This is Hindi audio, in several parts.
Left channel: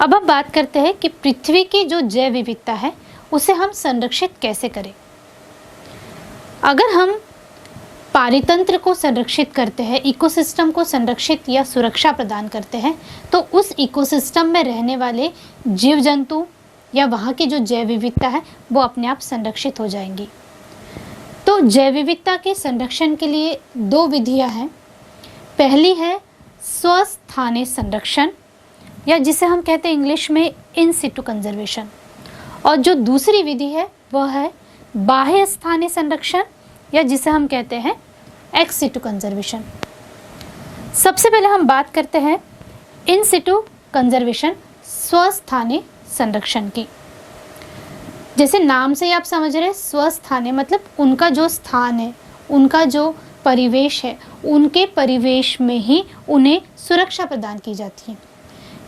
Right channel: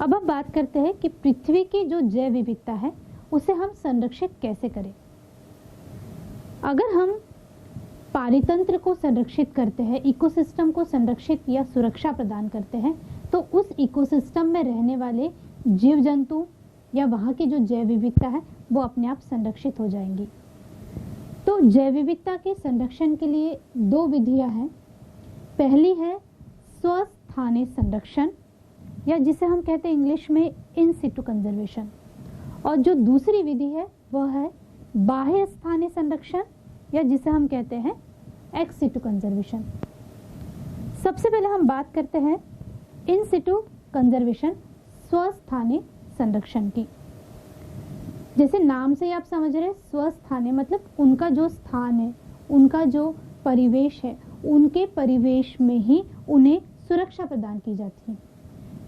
अब हम बात करते हैं कि पृथ्वी की जो जैव विविधता है उसे हम संरक्षित कैसे करें। अगर हम पारितंत्र को संरक्षित करते हैं, इकोसिस्टम को संरक्षित या सुरक्षा प्रदान करते हैं, तो उस इकोसिस्टम में रहने वाले जीव जंतु या वहाँ की जो जैव विविधता है वो अपने आप संरक्षित हो जाएंगी। तो जैव विविधता के संरक्षण के लिए दो विधियाँ हैं। पहली है स्वस्थानीय संरक्षण या जिसे हम कहते हैं इंग्लिश में इन सिटू कंजर्वेशन, और जो दूसरी विधि है वह है बाह्य स्थानीय संरक्षण या जिसे हम कहते हैं एक्स सिटू कंजर्वेशन। सबसे पहले हम बात करते हैं इन सिटू कंजर्वेशन, स्वस्थानीय संरक्षण की। जैसे नाम से ही आप समझ रहे हैं, स्वस्थानीय मतलब उनका जो स्थान है, उनका जो परिवेश है, उनके परिवेश में ही उन्हें सुरक्षा प्रदान की जाती है।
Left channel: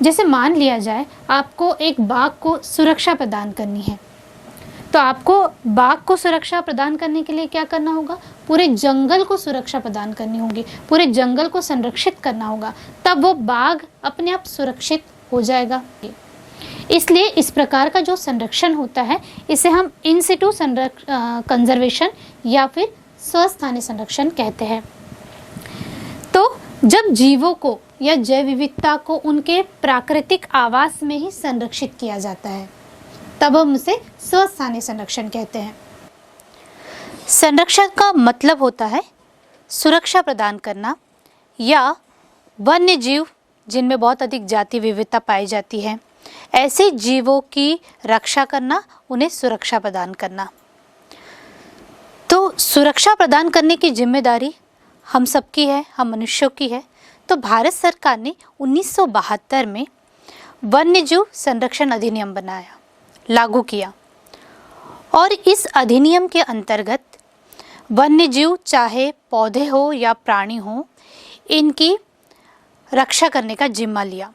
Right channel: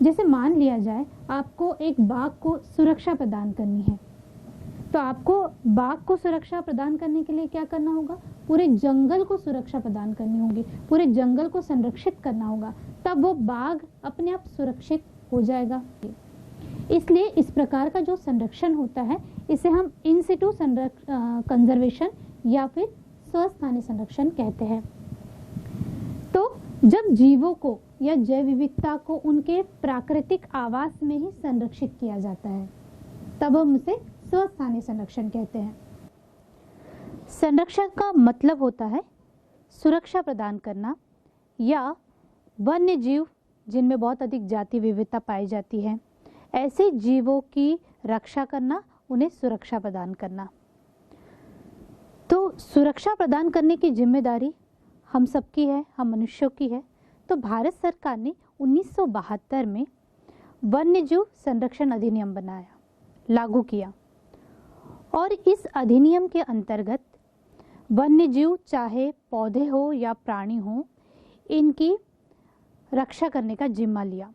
जैसे मान लिया जाए आपको एक बाघ को सुरक्षा प्रदान करनी है, तो आपको बाघ को सुरक्षा प्रदान करने के लिए क्या करना होगा? पूरे जंगल को सुरक्षा प्रदान करनी होगी, पूरे जंगल को संरक्षित करना होगा, तब वो बाघ अपने आप सुरक्षित हो जाएगा। इसलिए इस प्रकार का जो संरक्षण होता है इसे हम इन सिटू कंजर्वेशन या फिर स्वस्थानीय संरक्षण कहते हैं। तो जब जीवों को या जैव विविधता को उनके प्राकृतिक आवास में ही संरक्षित किया जाता है तब हम उसे स्वस्थानीय संरक्षण कहते हैं। संरक्षण का मतलब होता है सुरक्षा प्रदान करना या वन्य जीव जिनमें बहुत अधिक जाति विविधता पाई जाती है, ऐसे जीवों की रक्षा करना, उन्हें सुरक्षा प्रदान करना। तो सुरक्षा प्रदान करने की जिम्मेदारी हम सबकी है, हम मनुष्यों की है। तो भारत सरकार ने 1972 में वन्यजीव संरक्षण अधिनियम बनाया, लागू किया, और इस अधिनियम के अंतर्गत वन्यजीव चाहे पौधे हो या प्राणी हो, इनकी रक्षा करने का जिम्मा लिया।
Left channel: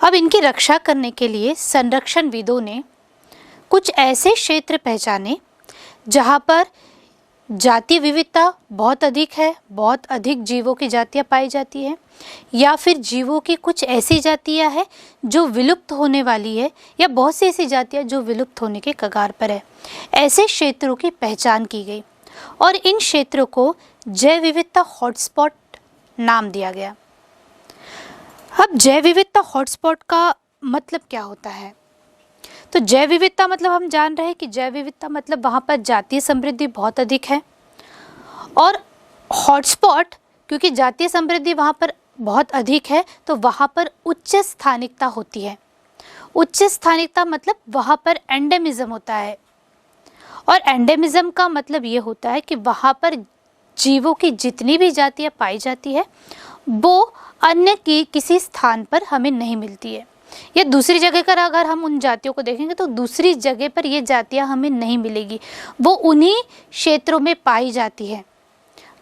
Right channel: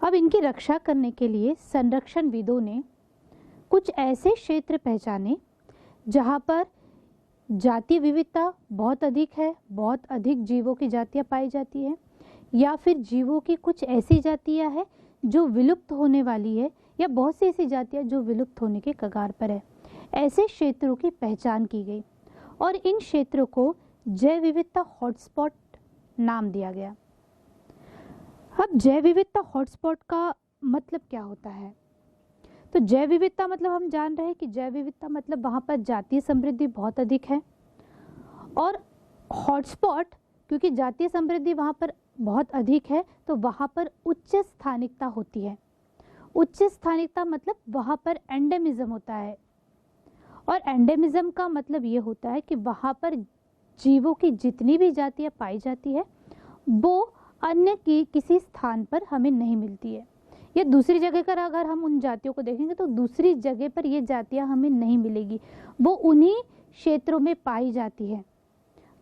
अब इनकी रक्षा करने के लिए संरक्षणविदों ने कुछ ऐसे क्षेत्र पहचाने जहाँ पर जाति विविधता बहुत अधिक है, बहुत अधिक जीवों की जातियाँ पाई जाती है, या फिर जीवों की कुछ ऐसी जातियाँ हैं जो विलुप्त होने वाली है, या बहुत सी ऐसी जातियाँ जो विलुप्त होने के कगार पर है। ऐसे क्षेत्रों की पहचान की गई और इन क्षेत्रों को जैव विविधता हॉटस्पॉट नाम दिया गया। अब जैव विविधता हॉटस्पॉट का मतलब क्या होता है? तो जैव विविधता मतलब हम जान रहे हैं कि जैव विविधता मतलब वहाँ पर जातीय समृद्धि बहुत अधिक है, और हॉटस्पॉट क्योंकि जातीय समृद्धि वहाँ पर बहुत अधिक है तो वहाँ पर उच्च स्थानिकता होती है। उच्च स्थानिकता मतलब वहाँ पर एंडेमिज्म होता है, और एंडेमिज्म का मतलब ये होता है कि वहाँ पर जीवों की जितनी भी जातियाँ पाई जाती है वो अन्य की किसी स्थान पर हमें नहीं मिलती है, या दूसरी जगह पर अगर हम उन जातियों को देखेंगे तो दूसरी जगह पर ये जातियाँ हमें नहीं मिलेगी, वो उन्हीं क्षेत्रों में पाई जाती है,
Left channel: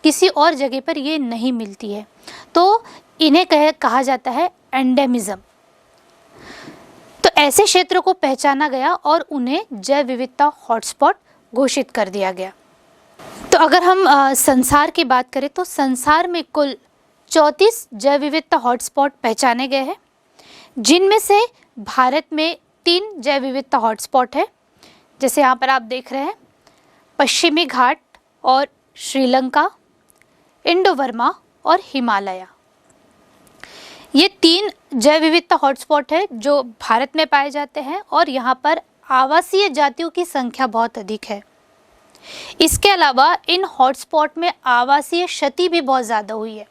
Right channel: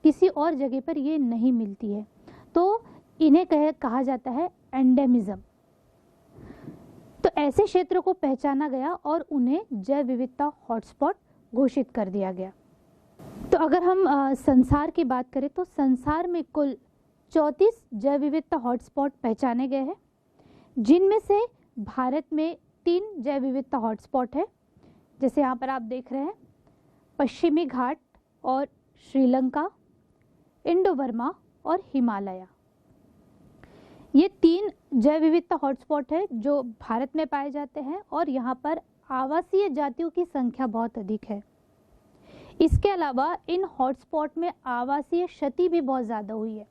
किसी और जगह पर ये नहीं मिलती है। तो इन्हें कहा जाता है एंडेमिज्म। तो ऐसे क्षेत्रों को पहचाना गया और उन्हें जैव विविधता हॉटस्पॉट घोषित कर दिया गया। तो अगर हम संसार की बात करें तो संसार में कुल 34 जैव विविधता हॉटस्पॉट पहचाने गए हैं, जिनमें से भारत में 3 जैव विविधता हॉटस्पॉट है। जैसे यहाँ पर आप देख रहे हैं पश्चिमी घाट और श्रीलंका, इंडो बर्मा और हिमालय। ये 3 जैव विविधता हॉटस्पॉट है जो भारत में पाए जाते हैं, और यहाँ पर आवासीय जातियों की संख्या बहुत अधिक है। इसके अलावा इन हॉटस्पॉट में आवासीय क्षति भी बहुत ज़्यादा हुई है।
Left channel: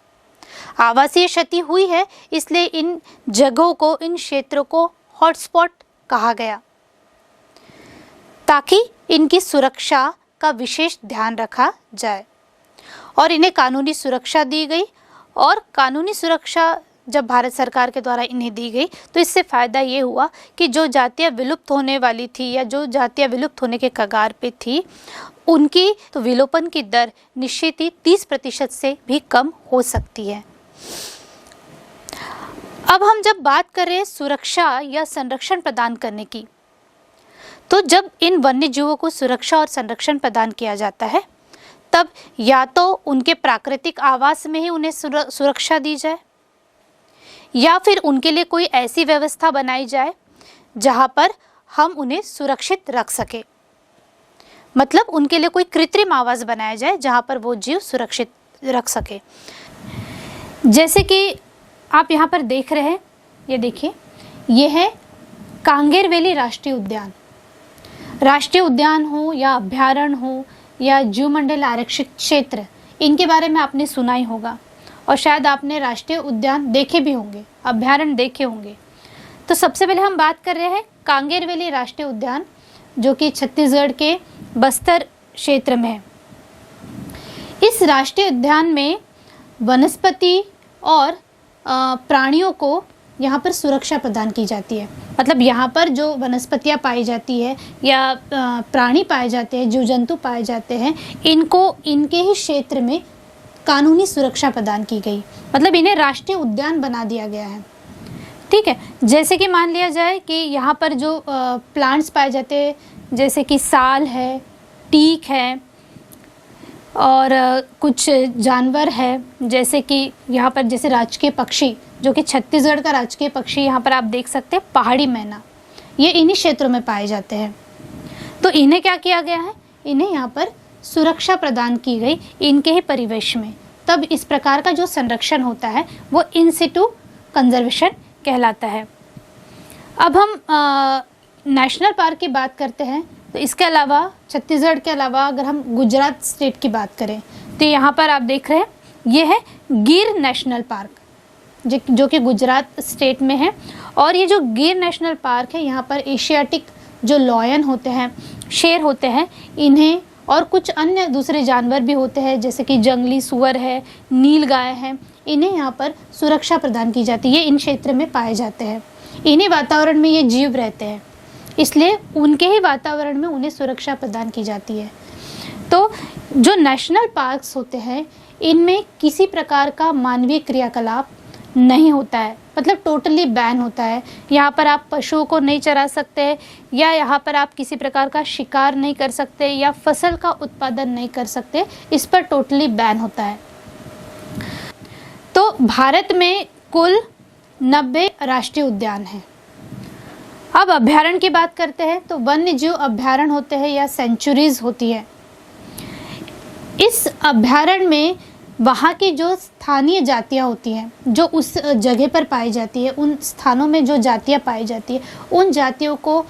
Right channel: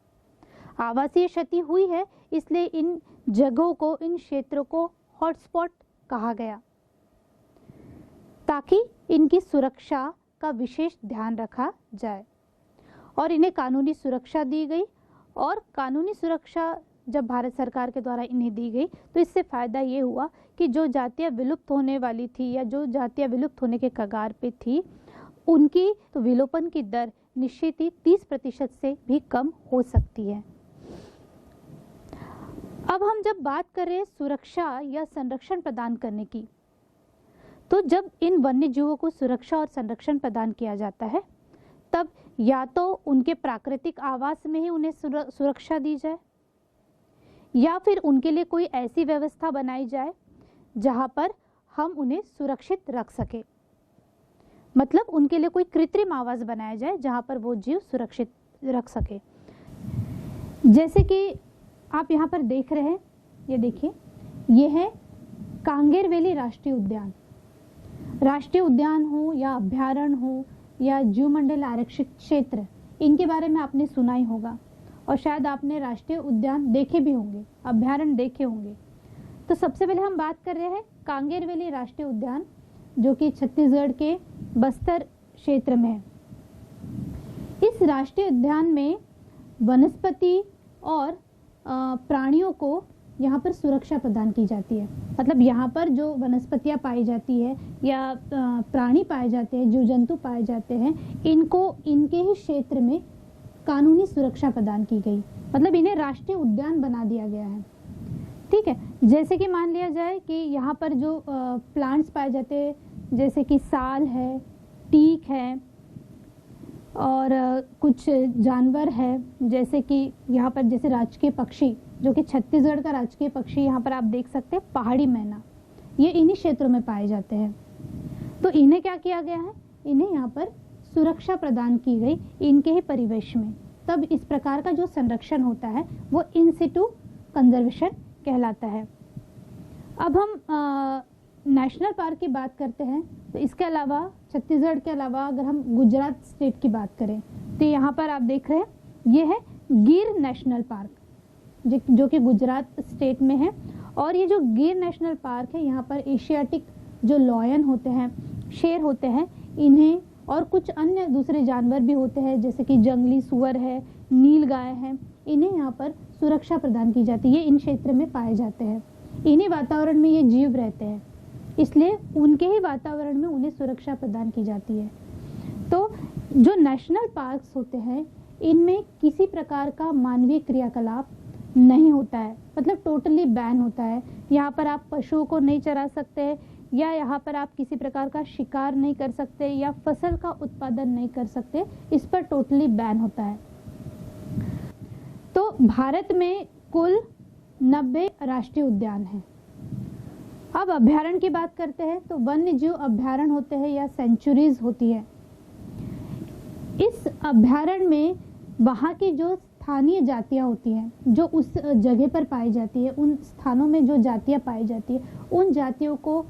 आवासीय क्षति हुई है इसलिए इन जगहों को, इन क्षेत्रों को हॉटस्पॉट कहा गया, ताकि इनकी सुरक्षा का विशेष ध्यान रखा जाए और इन्हें कानूनी सुरक्षा दी गई। और कानूनी सुरक्षा जब भारत सरकार के द्वारा इन्हें दी गई तो इससे फ़ायदा ये हुआ कि जो जातियाँ विलुप्त होने वाली थी या जो जातियाँ विलुप्त होने के कगार पे थी, उनकी तो विलोपन की दर निश्चित ही 30% से भी कम हो सकती है। अब हम जब बात करें सुरक्षा या संरक्षण प्रदान करने की, तो जब इन वन्य जीवों को सुरक्षा और संरक्षण प्रदान किया जाता है तब या तो उनके प्राकृतिक आवास में ही उन्हें सुरक्षा दी जाए, या फिर उनके लिए कोई ऐसी व्यवस्था बनाई जाए जहाँ पर हम उन्हें सुरक्षित रख सके। मतलब उनके लिए कोई कृत्रिम आवास बनाया जाए जहाँ पर वो जीव सुरक्षित रख सके। जैसे कि आप यहाँ पर देख रहे हैं, ये देखिए, ये है कांगेर वैली राष्ट्रीय उद्यान। राष्ट्रीय उद्यान हो या अभ्यारण्य हो या जीव मंडल आरक्षित क्षेत्र, इनके बारे में आपने सुना ही होगा और शायद आपने राष्ट्रीय उद्यान देखे भी होंगे, अभ्यारण्य देखे होंगे। तो सबसे पहले हम बात कर रहे हैं कांगेर वैली राष्ट्रीय उद्यान, जो कि छत्तीसगढ़ के बस्तर क्षेत्र में है। इस राष्ट्रीय उद्यान में वनस्पति और प्राणियों को यहाँ पर सुरक्षा प्रदान की जाती है। मतलब यहाँ पर जो वनस्पतियाँ पाई जाती है या प्राणी पाए जाते हैं, जीव जंतु पाए जाते हैं, इनको इनके ही क्षेत्र में कानूनी सुरक्षा प्रदान की गई। मतलब इन्हें राष्ट्रीय उद्यान बना दिया गया है। ठीक है, जैसे कि मान लिया जाए कि यहाँ पर जो प्लांट्स पाए जाते हैं, जैसे कि साल है, टीक है और कुछ जानवर है, जैसे कि यहाँ पर जैसे राजकीय पक्षी, जो कि छत्तीसगढ़ का राजकीय पक्षी यहाँ पर आप देख सकते हैं, पहाड़ी मैना, ये इन्हीं क्षेत्रों में पाए जाते हैं। तो इन्हें क्या किया गया है, इन्हें यहाँ पर सुरक्षा प्रदान की गई इनके ही परिवेश में। तब इस प्रकार का जो संरक्षण होता है वो इन सिटू कंजर्वेशन कहलाता है। अब हम नेशनल पार्क की बात करते हैं। तो इसके अलावा छत्तीसगढ़ के अलावा अगर हम गुजरात स्टेट की बात करें तो यहाँ पर आप देख रहे हैं, ये है गिर नेशनल पार्क, जो कि गुजरात स्टेट में है। और ये जो गिर नेशनल पार्क है, यहाँ पर एशियाटिक जो लॉयन होते हैं, शेर होते हैं, इन्हें और कुछ अन्य दूसरे जानवर भी होते हैं, जैसे कि जंगली सूअर है, नील गाय है, इन्हें यहाँ पर सुरक्षा प्रदान की जाती है। ये इन क्षेत्र में पाए जाते हैं, इन्हीं वातावरण में ये जीव रहते हैं, इसलिए उनके ही वातावरण में उन्हें सुरक्षा प्रदान की जाती है। तो जो नेशनल पार्क्स होते हैं, इनमें किसी प्रकार का मानवीय क्रियाकलाप नहीं होता है। मतलब टोटली बैन होता है। यहाँ पर आप पशुओं को नहीं चरा सकते, या यहाँ पर आप किसी प्रकार का शिकार नहीं कर सकते, या फसल का उत्पादन नहीं कर सकते, इस पर टोटली बैन होता है। तो भारत में कुल 90 राष्ट्रीय उद्यान हैं। अब अभ्यारण्य की बात करते हैं तो वन्य जीव अभ्यारण्य होते हैं या सेंचुरीज होती है। इस अभ्यारण्य में वहाँ की जो स्थानीय जातियाँ होती हैं, जो उस जगह पर पाई जाती है, उन स्थानों में जो जातियाँ पाई जाती है, उन जातियों को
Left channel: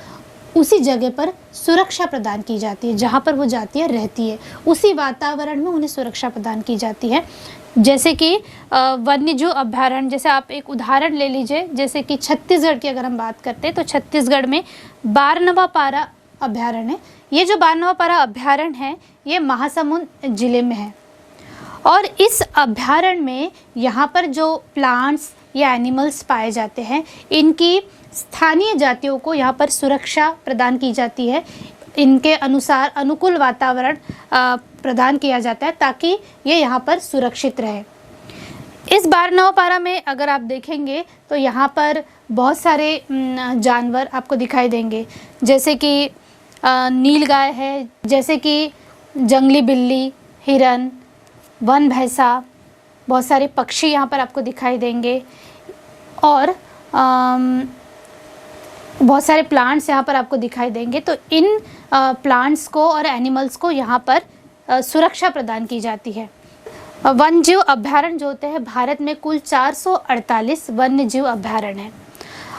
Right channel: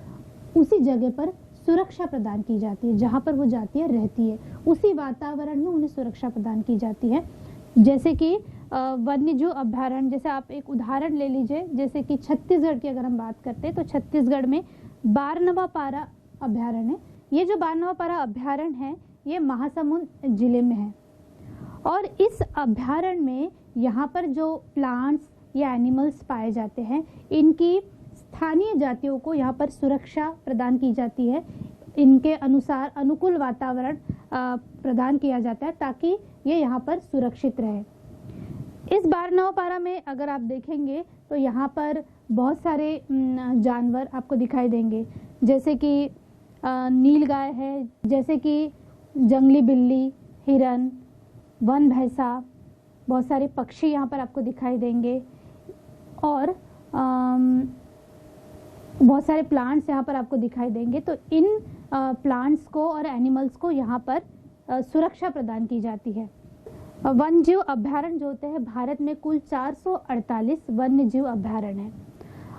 उसी जगह पर सुरक्षा प्रदान की जाती है। जहाँ पर वो जातियाँ रहती है, उसी वातावरण में उन्हें सुरक्षा प्रदान की जाती है। जैसे कि वन्यजीव अभ्यारण्य, जैसे आप एक उदाहरण ले लीजिए, जैसे कि छत्तीसगढ़ की अगर हम बात करते हैं तो छत्तीसगढ़ में बारनवापारा अभ्यारण्य है। ये जो बारनवापारा अभ्यारण्य है, ये महासमुंद जिले में है। और इस अभ्यारण्य में यहाँ पर जो प्लांट्स या एनिमल्स पाए जाते हैं, इनकी स्थानीय जातियों को यहाँ पर सुरक्षा प्रदान की जाती है। इनके अनुसार अनुकूल वातावरण प्रदान किया जाता है ताकि ये यहाँ पर सुरक्षित रहे। इस बारनवापारा में अगर आप देखेंगे तो यहाँ पर बहुत सारे जानवर आपको दिखाई देंगे, जैसे कि नील गाय है, जैसे कि जंगली बिल्ली, हिरन, वन भैंसा, बहुत सारे पक्षी यहाँ पर आपको दिखाई देंगे, और बहुत सारे प्लांट्स यहाँ पर आपको दिखाई देंगे। तो इन प्लांट्स को और एनिमल्स को यहाँ पर सुरक्षा प्रदान की जाती है। वन्य जीव अभ्यारण्य जो होते हैं, भारत में कुल 448 वन्य जीव अभ्यारण्य हैं।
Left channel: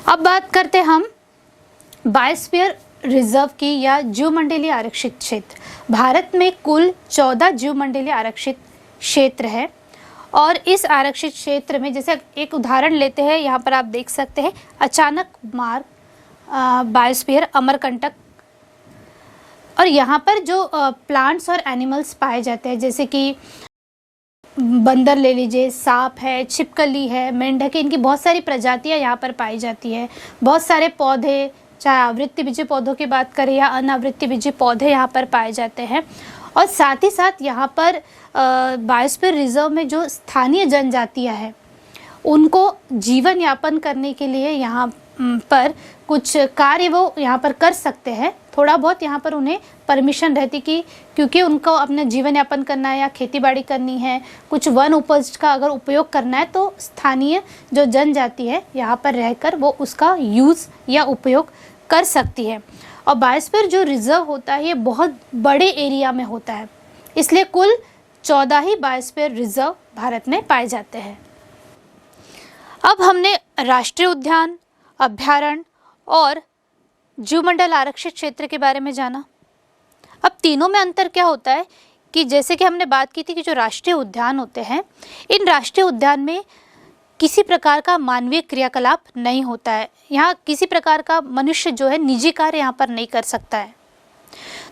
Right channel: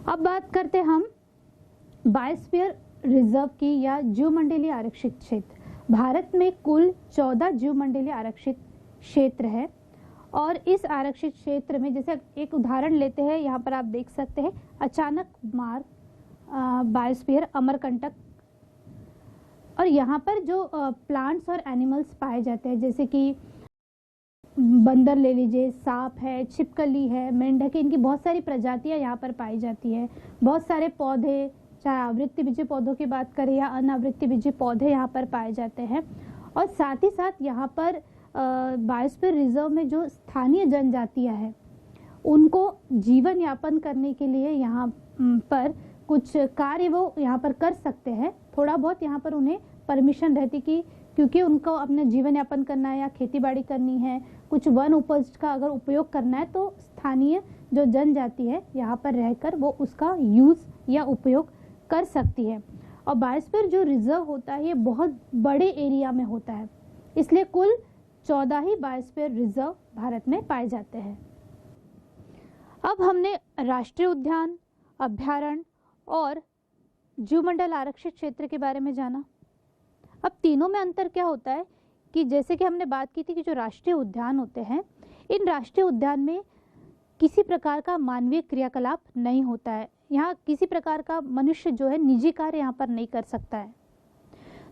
अब बात करते हैं हम बायोस्फीयर रिजर्व की या जीवमंडलीय आरक्षित क्षेत्र। भारत में कुल 14 जीवमंडलीय आरक्षित क्षेत्र है, और इस आरक्षित क्षेत्र में जैसे एक उदाहरण लेते हैं, यहाँ पर आप देख सकते हैं अचानक मार्ग बायोस्फीयर अमरकंटक। और यहाँ पर जो प्लांट्स और एनिमल्स पाए जाते हैं, जैसे कि बंदर ले लीजिए, सांप है, छिपकली है, मेंढक है, इनकी बहुत सारी प्रजातियाँ यहाँ पर पाई जाती है। बहुत सारे पौधे, चाहे आवृत्तिबीजी पौधों की बात करें या अनावृत्तिबीजी पौधे यहाँ पर पाए जाते हैं। और साथ ही साथ यहाँ पर बायोस्फीयर रिजर्व में जो स्थानीय जनजातियाँ हैं, उनको जीवन यापन करने के लिए यहाँ पर कुछ कार्य वो यहाँ पर कर सकते हैं। थोड़ा बहुत यहाँ पर उन्हें परमिशन रहती कि क्योंकि उनको अपना जीवन यापन करना है या खेती बाड़ी करनी है, कुछ वन उपज का अगर उपयोग करना है तो स्थानीय जो जनजाति है यहाँ पर रहकर वो उसका यूज़ या उपयोग कर सकती है। और बायोस्फीयर जो रिजर्व होता है ये बहुत बड़े एरिया में होता है, इसलिए कुल 14 ही बायोस्फीयर रिजर्व भारत में पाए जाते हैं। अब हमने राष्ट्रीय उद्यान, अभयारण्य और जीवमंडल आरक्षित क्षेत्र के बारे में जाना। अब तीनों में अंतर क्या होता है कि जैसे कि हमने बात की थी कि जो राष्ट्रीय उद्यान होते हैं, इन राष्ट्रीय उद्यान में किसी प्रकार का मानवीय क्रियाकलाप नहीं होता है। यहाँ किसी प्रकार का मनुष्य जो है निजी कार्य यहाँ पर नहीं कर सकता है।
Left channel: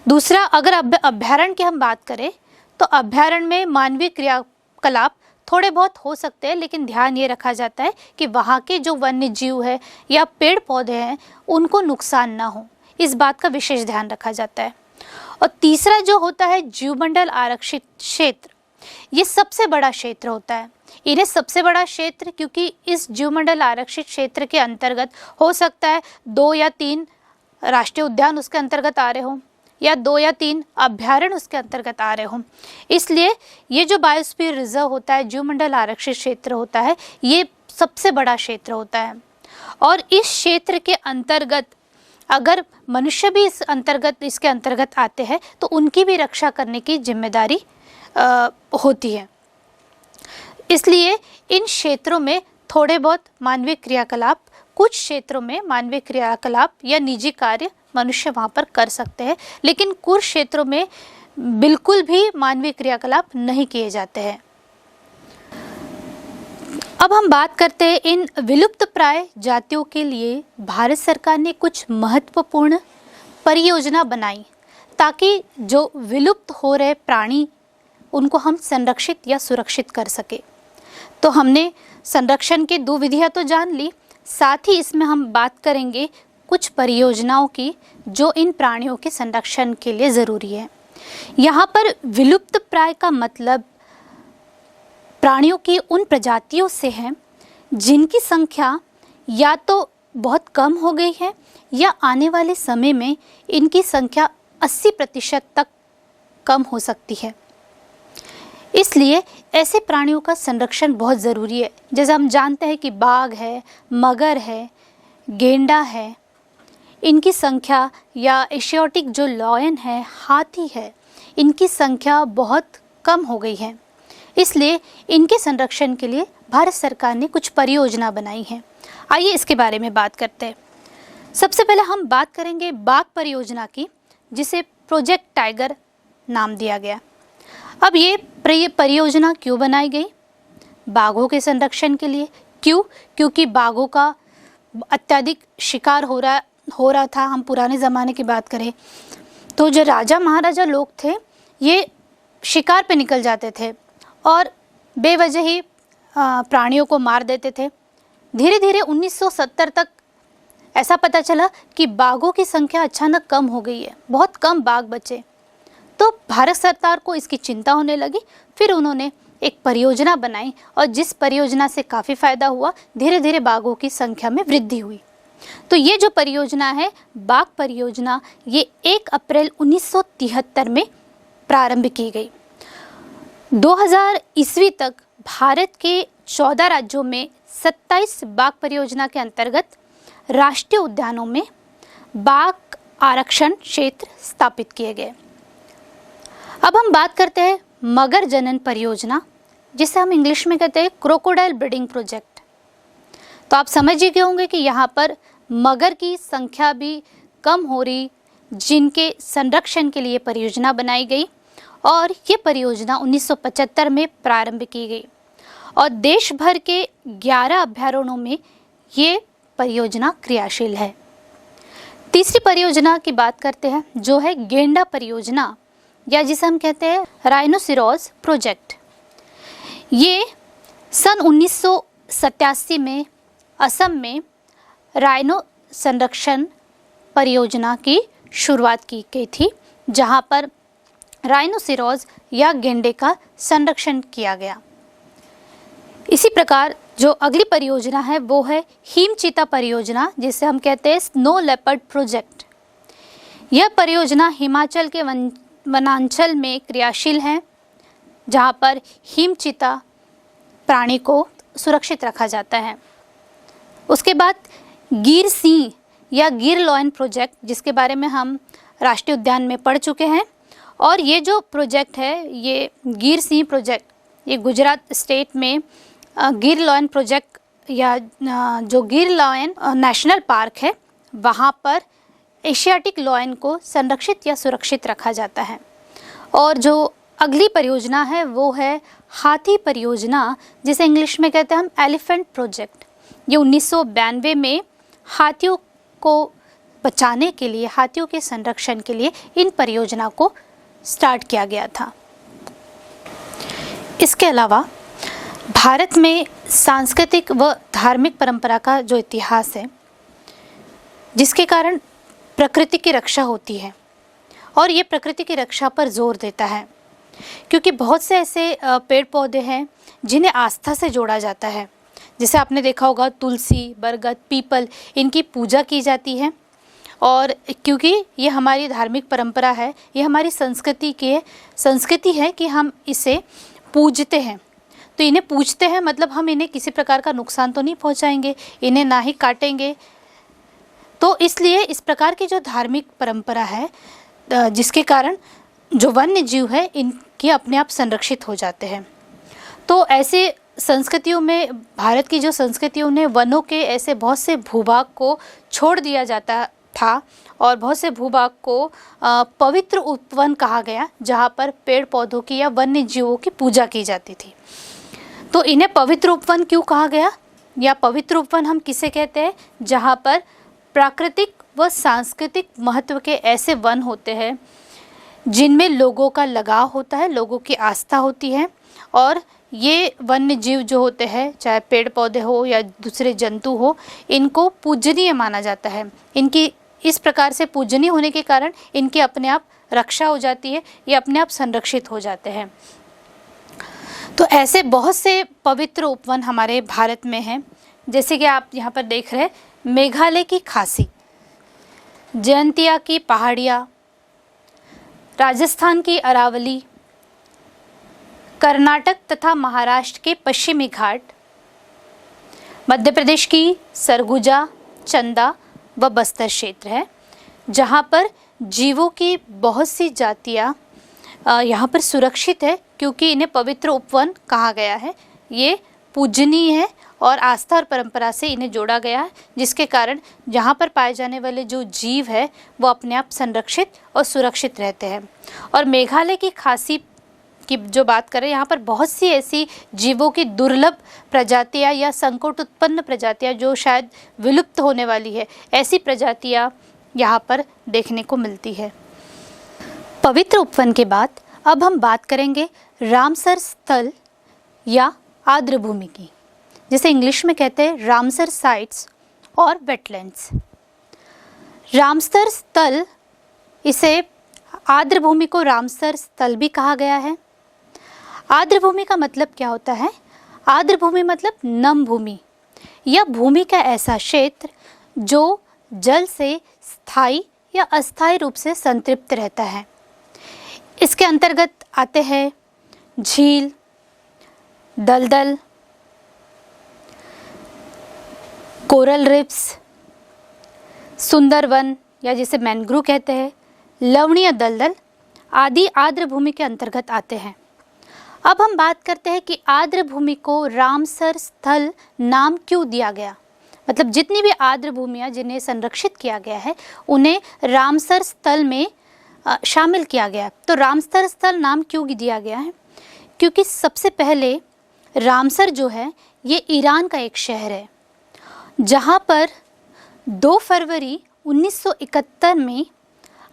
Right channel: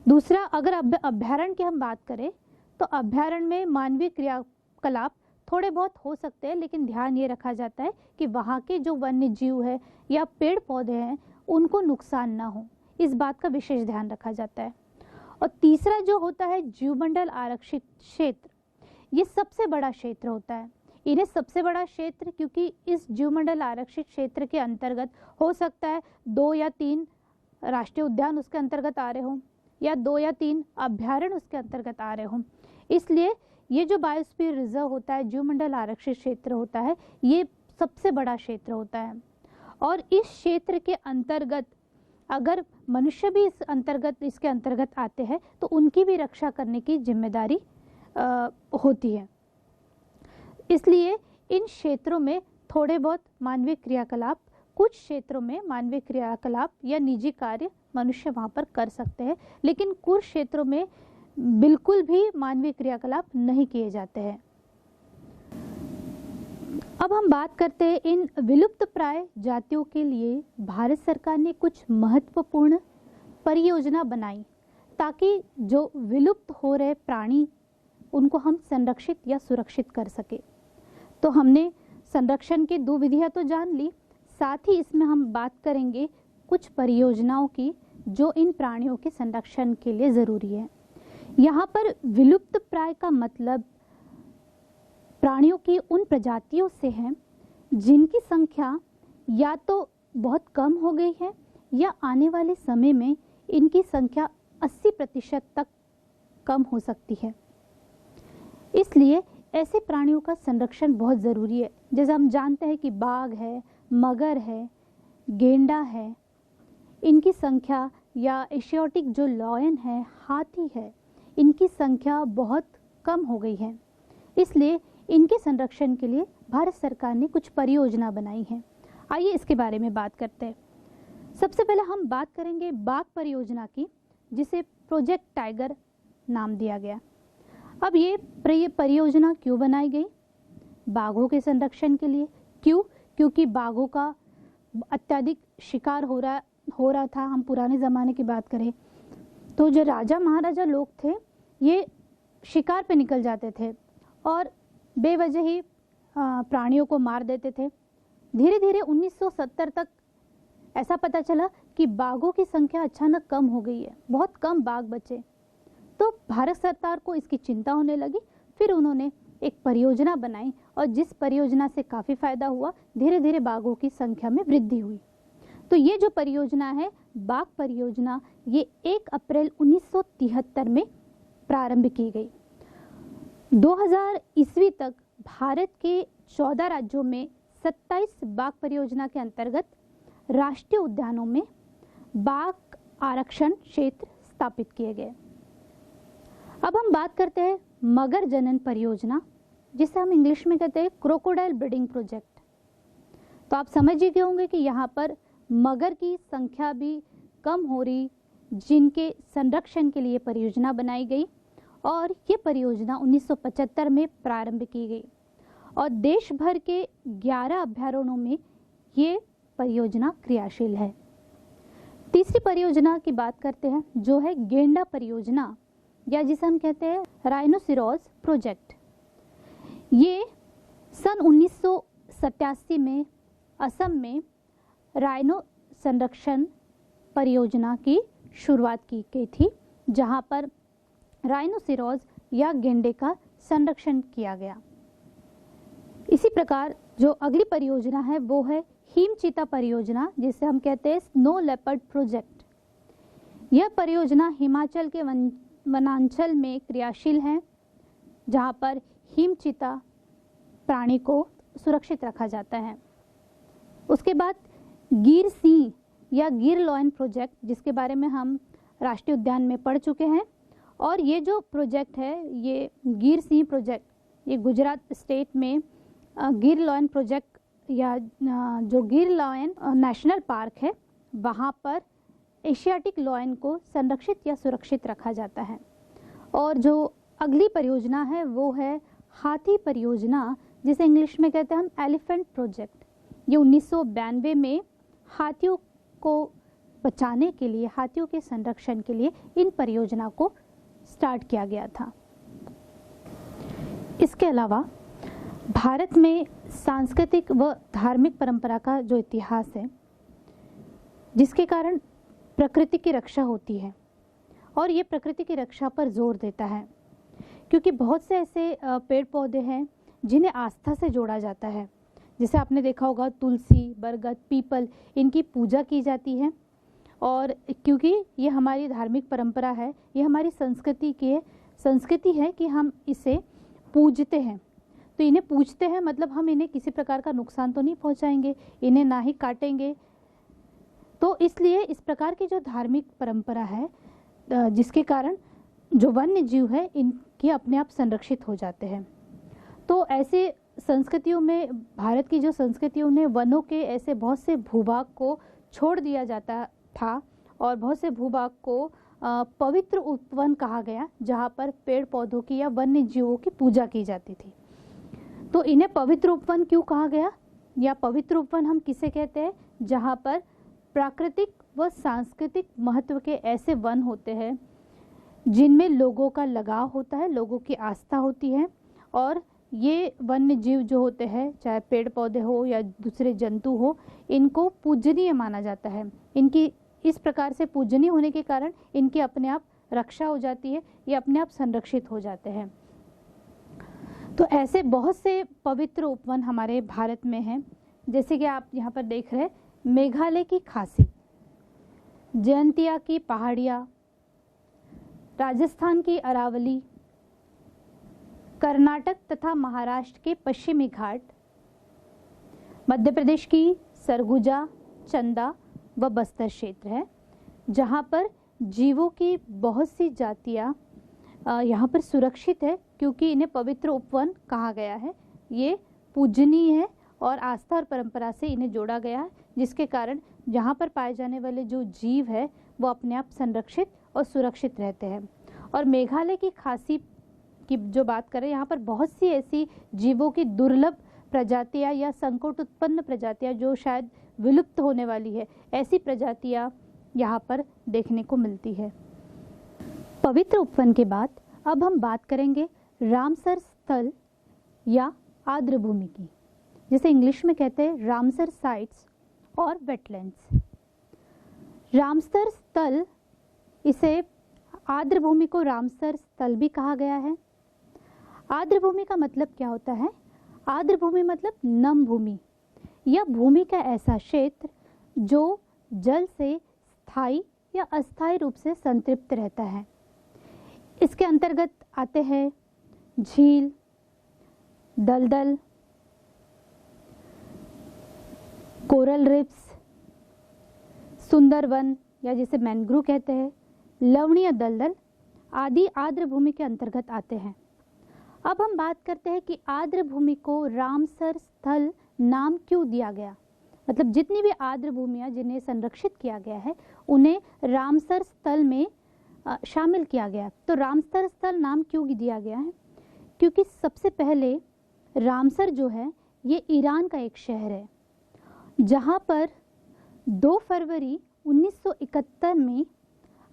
दूसरा, अगर अभयारण्य की हम बात करें तो अभयारण्य में मानवीय क्रियाकलाप थोड़े बहुत हो सकते हैं, लेकिन ध्यान ये रखा जाता है कि वहाँ के जो वन्य जीव है या पेड़ पौधे हैं उनको नुकसान ना हो, इस बात का विशेष ध्यान रखा जाता है। और तीसरा जो होता है जीवमंडल आरक्षित क्षेत्र, ये सबसे बड़ा क्षेत्र होता है। इन्हें सबसे बड़ा क्षेत्र क्योंकि इस जीवमंडल आरक्षित क्षेत्र के अंतर्गत हो सकता है 2 या 3 राष्ट्रीय उद्यान उसके अंतर्गत आ रहे हों या 2 या 3 अभयारण्य उसके अंतर्गत आ रहे हों, इसलिए ये जो बायोस्फीयर रिजर्व होता है, जीवमंडल आरक्षित क्षेत्र होता है, ये सबसे बड़ा क्षेत्र होता है। और इस क्षेत्र के अंतर्गत अगर मनुष्य भी इसके अंतर्गत आते हैं तो उनकी भी रक्षा करने की जिम्मेदारी होती है। इसलिए इन क्षेत्रों में थोड़े बहुत मानवीय क्रियाकलाप, कुछ क्षेत्रों में मानवीय क्रियाकलाप या निजी कार्य मनुष्य वहाँ पर कर सकते हैं, लेकिन कुछ क्षेत्रों में बिल्कुल भी मानवीय क्रियाकलाप नहीं किए जाते हैं। अब हम बात करते हैं इन विलुप्त प्राय जातियों के लिए भारत सरकार ने कुछ महत्वपूर्ण परियोजना बनाई ताकि जो विलुप्त हो रहे प्राणी उनको हम संरक्षित या सुरक्षित कर सके। तो हमने संरक्षण की 2 विधियां तो जान ली, साथ ही इसमें हम बात करेंगे कुछ परियोजनाओं की जो इन प्राणियों के संरक्षण के लिए ज़रूरी है। यहाँ पर विलुप्त प्राय का मतलब प्राणियों की उन प्रजातियों से है जिनकी संख्या या तो बहुत कम हो गई है या आने वाले समय में इनकी संख्या 80% तक कम हो सकती है। इसलिए ऐसे प्राणियों का संरक्षण बहुत ज़रूरी है। जैसे हम जानते हैं कि बाघ है, मगर है, गेंडा है, इनकी संख्या या एशियाटिक जो लॉयन है, हाथी है, इनकी संख्या बहुत कम हो गई है। इसलिए इनके संरक्षण के लिए भारत सरकार ने कुछ परियोजना बनाई है। आइए इसके बारे में बात करते हैं। सबसे पहले हम बात करेंगे बाघ परियोजना की, जिसे प्रोजेक्ट टाइगर नाम दिया गया। अब ये परियोजना क्यों बनाई गई? बाघों के संरक्षण के लिए। क्यों? क्योंकि बाघों का अत्यधिक शिकार हो रहा था। हम पुराने ज़माने की बात करें तो जो राजा महाराजा लोग थे ये शिकार पे निकल जाते थे और बेवजह ही प्राणियों को मार देते थे। धीरे धीरे 1970 तक ऐसा पता चला कि बाघों की संख्या अचानक कम हो गई है, बहुत कम बाघ बचे। तो भारत सरकार को इसकी चिंता होने लगी। फिर उन्होंने एक परियोजना बनाई और जिस परियोजना से काफ़ी फायदा हुआ, धीरे धीरे बाघों की संख्या में वृद्धि हुई। तो ये जो परियोजना है बाघ परियोजना, ये 1 अप्रैल 1973 में प्रारंभ की गई। 2000 ईस्वी तक भारत के 14 राज्यों में 27 बाघ परियोजना के अंतर्गत राष्ट्रीय उद्यानों में बाघ आरक्षण क्षेत्र स्थापित किए गए। अब हम बात करते हैं मगर जनन परियोजना, जिसे हम इंग्लिश में कहते हैं क्रोकोडाइल ब्रीडिंग प्रोजेक्ट। तो आप समझ ही गए होंगे कि यहाँ पर मगर की संख्या भी कम हो रही, जिनके संरक्षण के लिए परियोजना बनाई गई और ये परियोजना 1975 में प्रारंभ की गई और देश भर के 11 अभयारण्यों में ये परियोजना क्रियाशील है। तीसरी परियोजना की बात करते हैं जो है गेंडा परियोजना, या जिसे हम कहते हैं राइनोसिरोज प्रोजेक्ट। ये सन 1987 में असम में राइनो संरक्षण परियोजना की शुरुआत की गई थी, जहाँ पर राइनोसिरोज या गेंडे का संरक्षण किया गया। इसी प्रकार जो अगली परियोजना है वो है हिम चीता परियोजना, जिसे हम कहते हैं स्नो लेपर्ड प्रोजेक्ट। यह परियोजना हिमाचल के वनांचल में क्रियाशील है, जहाँ पर हिमचीता प्राणी को सुरक्षित रखा जाता है। उसके बाद गिर सिंह या गिर लॉयन प्रोजेक्ट, जिसके बारे में हम राष्ट्रीय उद्यान में पढ़ चुके हैं, और ये जो प्रोजेक्ट है, ये गिर सिंह प्रोजेक्ट, ये गुजरात स्टेट में गिर लॉयन प्रोजेक्ट या जो गिर लॉयन नेशनल पार्क है, वहाँ पर एशियाटिक लॉयन को संरक्षित या सुरक्षित रखा जाता है। और जो अगली परियोजना है वो है हाथी परियोजना, जिसे इंग्लिश में कहते हैं हम एलिफेंट प्रोजेक्ट। ये 1992 में हाथियों को बचाने के लिए, हाथियों के संरक्षण के लिए इन परियोजना को स्टार्ट किया गया था। इसके अलावा भारत में सांस्कृतिक व धार्मिक परंपरा का जो इतिहास है, जिसके कारण प्रकृति की रक्षा होती है, और ये प्रकृति की रक्षा पर जोर देता है, क्योंकि बहुत से ऐसे पेड़ पौधे हैं जिन्हें आस्था से जोड़ा जाता है। जैसे आपने देखा होगा तुलसी, बरगद, पीपल, इनकी पूजा की जाती है, और क्योंकि ये हमारी धार्मिक परंपरा है, ये हमारी संस्कृति है कि हम इसे पूजते हैं। तो इन्हें पूजते हैं मतलब हम इन्हें किसी प्रकार का नुकसान तो नहीं पहुंचाएंगे, इन्हें ना ही काटेंगे। तो इसलिए इस प्रकार की जो धार्मिक परंपरा है, जिसके कारण जो वन्य जीव है इनके अपने आप संरक्षित हो जाते हैं। तो ऐसे संस्कृतियों में, भारत की जो संस्कृतियों ने वनों के ऐसे बहुत से भूभाग को छोड़ दिया जाता था, और बहुत से भूभाग को पवित्र उपवन कहा गया, जहाँ पर पेड़ पौधों की या वन्य जीवों की पूजा की जाती थी। तो इन्हें पवित्र उपवन क्यों कहा गया, या पवित्र उपवन हम किसे कहते हैं, जहाँ पर प्राकृतिक व सांस्कृतिक महत्व के ऐसे वन होते हैं जिनमें लोगों का लगाव होता है, लोगों की आस्था होती है, और ये वन्य जीव जो होते हैं, चाहे पेड़ पौधे हो या दूसरे जंतु हो, इनको पूजनीय माना जाता है। इनकी इस प्रकार से पूजनीय होने के कारण इनकी अपने आप रक्षा हो जाती है, ये अपने आप संरक्षित हो जाते हैं। तो ऐसे बहुत से पवित्र उपवन हमारे भारत में हैं, जैसे कि आप यहाँ पर देख रहे हैं, मेघालय की खासी, जयंतिया की पहाड़ियाँ, राजस्थान की अरावली, कर्नाटक तथा महाराष्ट्र के पश्चिमी घाट, मध्य प्रदेश की सरगुजा, चंदा व बस्तर क्षेत्र है, जहाँ पर जीवों की बहुत सी जातियाँ यहाँ पर सुरक्षित है, क्योंकि इन्हें पवित्र उपवन कहा गया है। ये पूजनीय है और आस्था और परंपरा से इन्हें जोड़ा गया है, जिसके कारण यहाँ पर पाए जाने वाले जो जीव है वो अपने आप संरक्षित और सुरक्षित रहते हैं। और मेघालय की खासी की जो बात करें, यहाँ पर बहुत सी ऐसी जीवों की दुर्लभ प्रजातियाँ या संकट उत्पन्न प्रजातियाँ जो शायद विलुप्त होने वाली है, ऐसी प्रजातियाँ यहाँ पर देखने को मिलती है। पवित्र उपवन के बाद अब हम बात करेंगे रामसर स्थल या आर्द्रभूमि की, जिसे इंग्लिश में कहते हैं रामसर साइट्स और वेटलैंड्स। रामसर स्थल, इसे आर्द्रभूमि को रामसर स्थल भी कहा गया है। आर्द्रभूमि का मतलब क्या होता है? आर्द्रभूमि मतलब नम भूमि या भूमि का ऐसा क्षेत्र जो जल से स्थायी या अस्थायी रूप से संतृप्त रहता है। इसके अंतर्गत आते हैं झील, दलदल, कोरल रिफ्स, सुंदरवन या जिसे मैंग्रोव कहते हैं, लवणीय दलदल आदि आर्द्रभूमि के अंतर्गत आते हैं। अब हम बात करते हैं कि आर्द्रभूमि को रामसर स्थल नाम क्यों दिया गया, मतलब जितनी भी आर्द्रभूमियाँ जिन्हें संरक्षित किया गया है उन्हें रामसर स्थल में शामिल किया गया। तो रामसर स्थल नाम क्यों दिया गया है? क्योंकि सबसे पहले रामसर जो है ये ईरान का एक शहर है, जहाँ पर 2 फरवरी 1971 में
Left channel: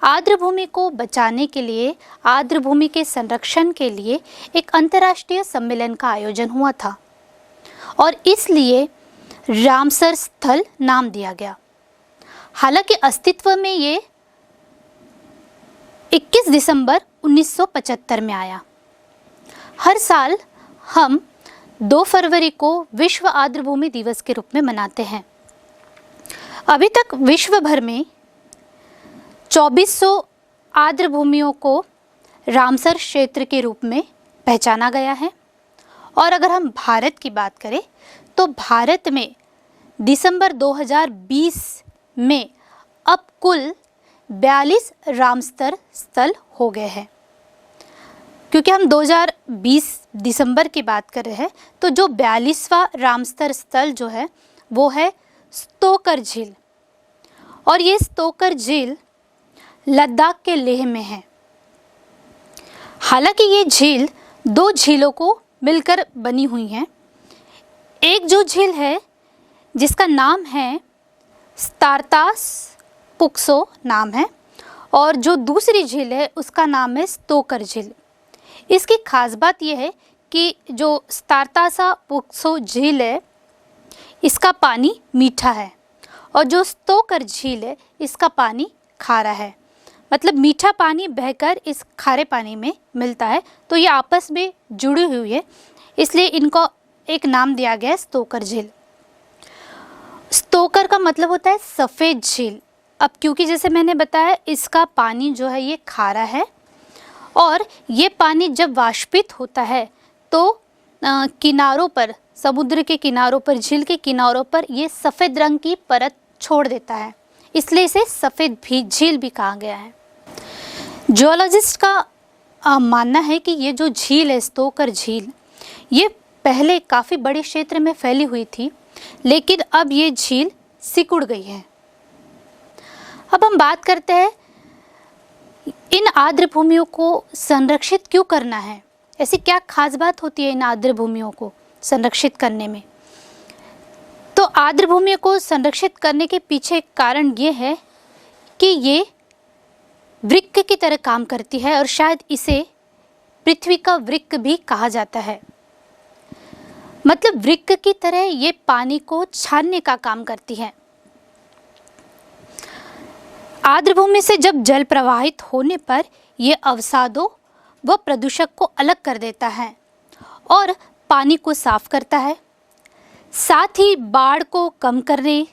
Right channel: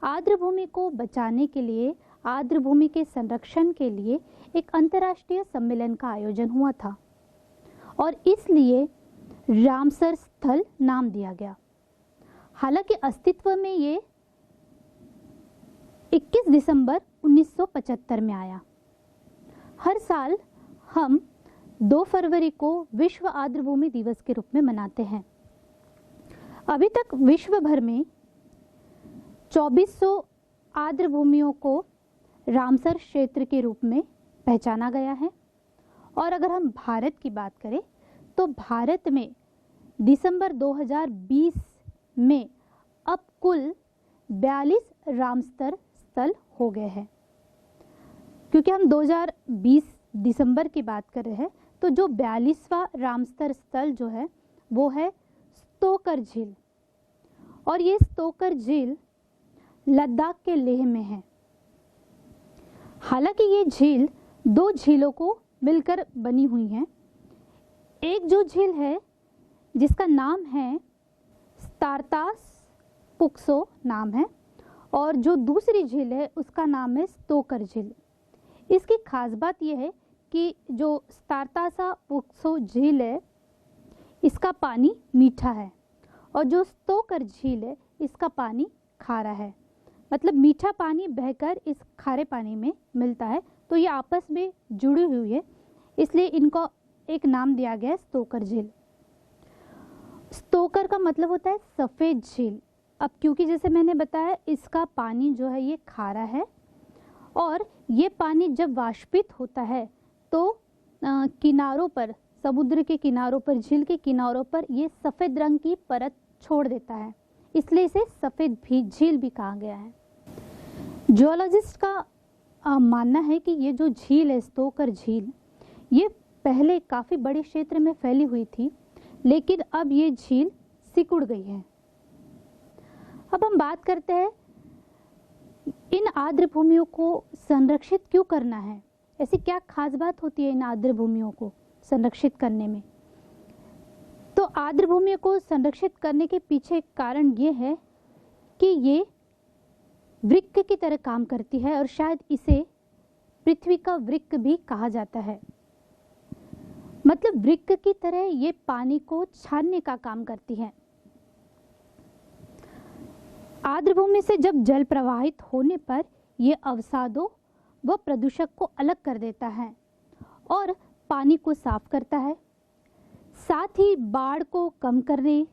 आर्द्रभूमि को बचाने के लिए, आर्द्रभूमि के संरक्षण के लिए एक अंतर्राष्ट्रीय सम्मेलन का आयोजन हुआ था, और इसलिए रामसर स्थल नाम दिया गया। हालांकि अस्तित्व में ये 21 दिसंबर 1975 में आया। हर साल हम 2 फरवरी को विश्व आर्द्रभूमि दिवस के रूप में मनाते हैं। अभी तक विश्व भर में 2400 आर्द्र भूमियों को रामसर क्षेत्र के रूप में पहचाना गया है। और अगर हम भारत की बात करें तो भारत में दिसंबर 2020 में अब कुल 42 रामसर स्थल हो गए हैं। क्योंकि हम 2020 दिसंबर की बात कर रहे हैं, तो जो 42वां रामसर स्थल जो है वो है स्तोकर झील, और ये स्तोकर झील लद्दाख के लेह में है। हालांकि ये झील दो झीलों को मिलकर बनी हुई है। एक जो झील है जिसका नाम है स्तारतास पुक्सो नाम है, और जो दूसरी झील है उसका नाम है स्तोकर झील। इसकी खास बात यह है कि जो स्तारतासा पुक्सो झील है इसका पानी मीठा है, और जो स्तोकर झील है इसका पानी खारा है। मतलब मीठा पानी बहकर इस खारे पानी में मिलता है, तो ये आपस में जुड़ी हुई है, इसलिए इनको एक नाम दिया गया है स्तोकर झील। स्तोकर का मतलब होता है सफ़ेद झील। अब क्योंकि जैसे मैंने बताया इसका पानी जो है ये खारा है, और ये पानी जब वाष्पित होता है तो किनारों पर, समुद्र के किनारों पर, झील के किनारों पर ये सफ़ेद रंग की परत छोड़ देता है, इसलिए इसे सफ़ेद भी झील भी कहा गया है। जियोलॉजिस्ट का मानना है कि ये जो झील है स्तोकर झील, ये पहले काफ़ी बड़े क्षेत्र में फैली हुई थी, लेकिन अब ये झील सिकुड़ गई है। अब हम बात करते हैं इन आर्द्र भूमियों को संरक्षित क्यों करना है। ऐसी क्या खास बात होती है इन आर्द्र भूमियों को संरक्षित करने में। तो आर्द्र भूमियों को संरक्षित करने के पीछे कारण ये है कि ये वृक्क की तरह काम करती है, और शायद इसे पृथ्वी का वृक्क भी कहा जाता है। मतलब वृक्क की तरह ये पानी को छानने का काम करती है। आर्द्र भूमि से जब जल प्रवाहित होने पर यह अवसादों व प्रदूषक को अलग कर देता है और पानी को साफ करता है। साथ ही बाढ़ को कम करने,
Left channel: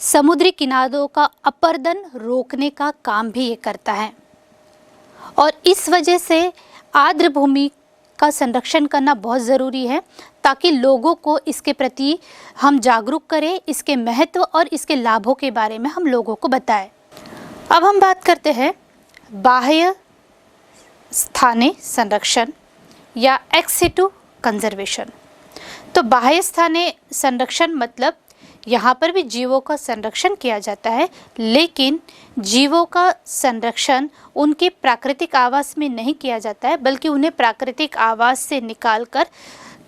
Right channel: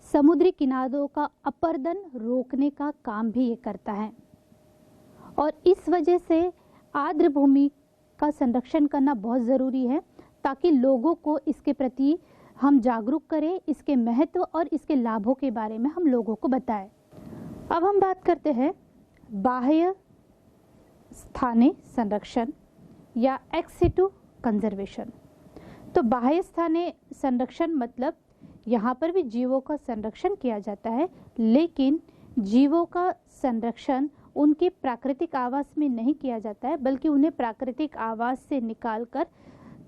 समुद्री किनारों का अपरदन रोकने का काम भी ये करता है। और इस वजह से आर्द्र भूमि का संरक्षण करना बहुत ज़रूरी है, ताकि लोगों को इसके प्रति हम जागरूक करें, इसके महत्व और इसके लाभों के बारे में हम लोगों को बताएं। अब हम बात करते हैं बाह्य स्थानीय संरक्षण या एक्स सिटू कंजर्वेशन। तो बाह्य स्थानीय संरक्षण मतलब यहाँ पर भी जीवों का संरक्षण किया जाता है, लेकिन जीवों का संरक्षण उनके प्राकृतिक आवास में नहीं किया जाता है, बल्कि उन्हें प्राकृतिक आवास से निकालकर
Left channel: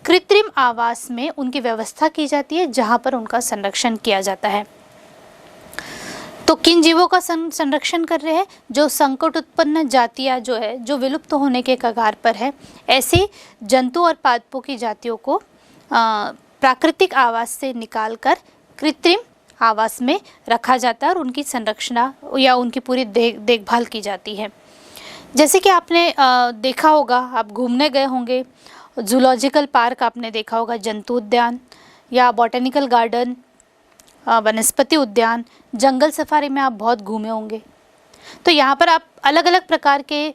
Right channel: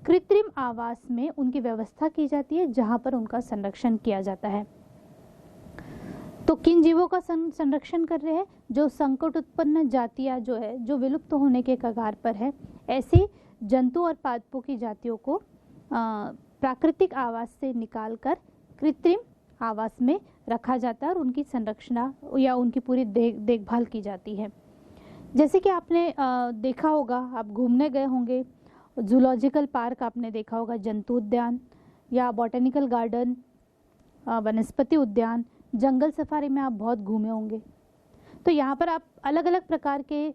कृत्रिम आवास में उनकी व्यवस्था की जाती है, जहाँ पर उनका संरक्षण किया जाता है। तो किन जीवों का संरक्षण कर रहे हैं? जो संकट उत्पन्न जातियाँ जो है, जो विलुप्त होने के कगार पर है, ऐसे जंतु और पादपों की जातियों को प्राकृतिक आवास से निकालकर कृत्रिम आवास में रखा जाता है और उनकी संरक्षण या उनकी पूरी देखभाल की जाती है। जैसे कि आपने देखा होगा, आप घूमने गए होंगे, जूलॉजिकल पार्क आपने देखा होगा, जंतु उद्यान या बॉटेनिकल गार्डन, वनस्पति उद्यान, जंगल सफारी में आप बहुत घूमे होंगे। तो यहाँ पर आप अलग अलग प्रकार के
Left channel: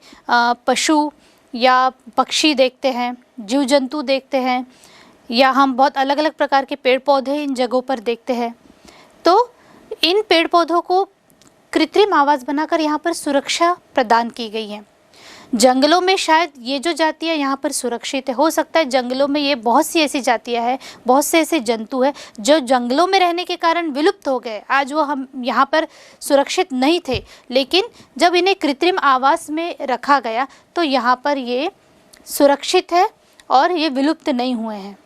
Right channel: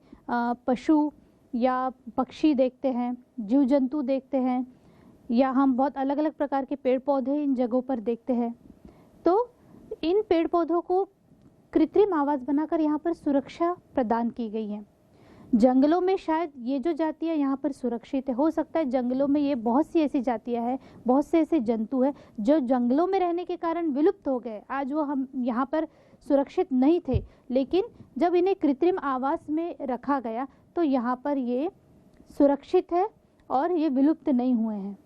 पशु या पक्षी देखते हैं, जीव जंतु देखते हैं, या हम बहुत अलग अलग प्रकार के पेड़ पौधे इन जगहों पर देखते हैं। तो इन पेड़ पौधों को कृत्रिम आवास बनाकर यहाँ पर सुरक्षा प्रदान की गई है। जंगलों में शायद ये जो जातियाँ यहाँ पर सुरक्षित है, हो सकता है जंगलों में ये बहुत सी ऐसी जातियाँ हैं, बहुत से ऐसे जंतु हैं जो जंगलों में रहने के कारण विलुप्त हो गए, आज वो हम यहाँ पर सुरक्षित नहीं थे, लेकिन जब इन्हें कृत्रिम आवास में रखा गया तो यहाँ पर ये सुरक्षित है और ये विलुप्त नहीं हुए हैं।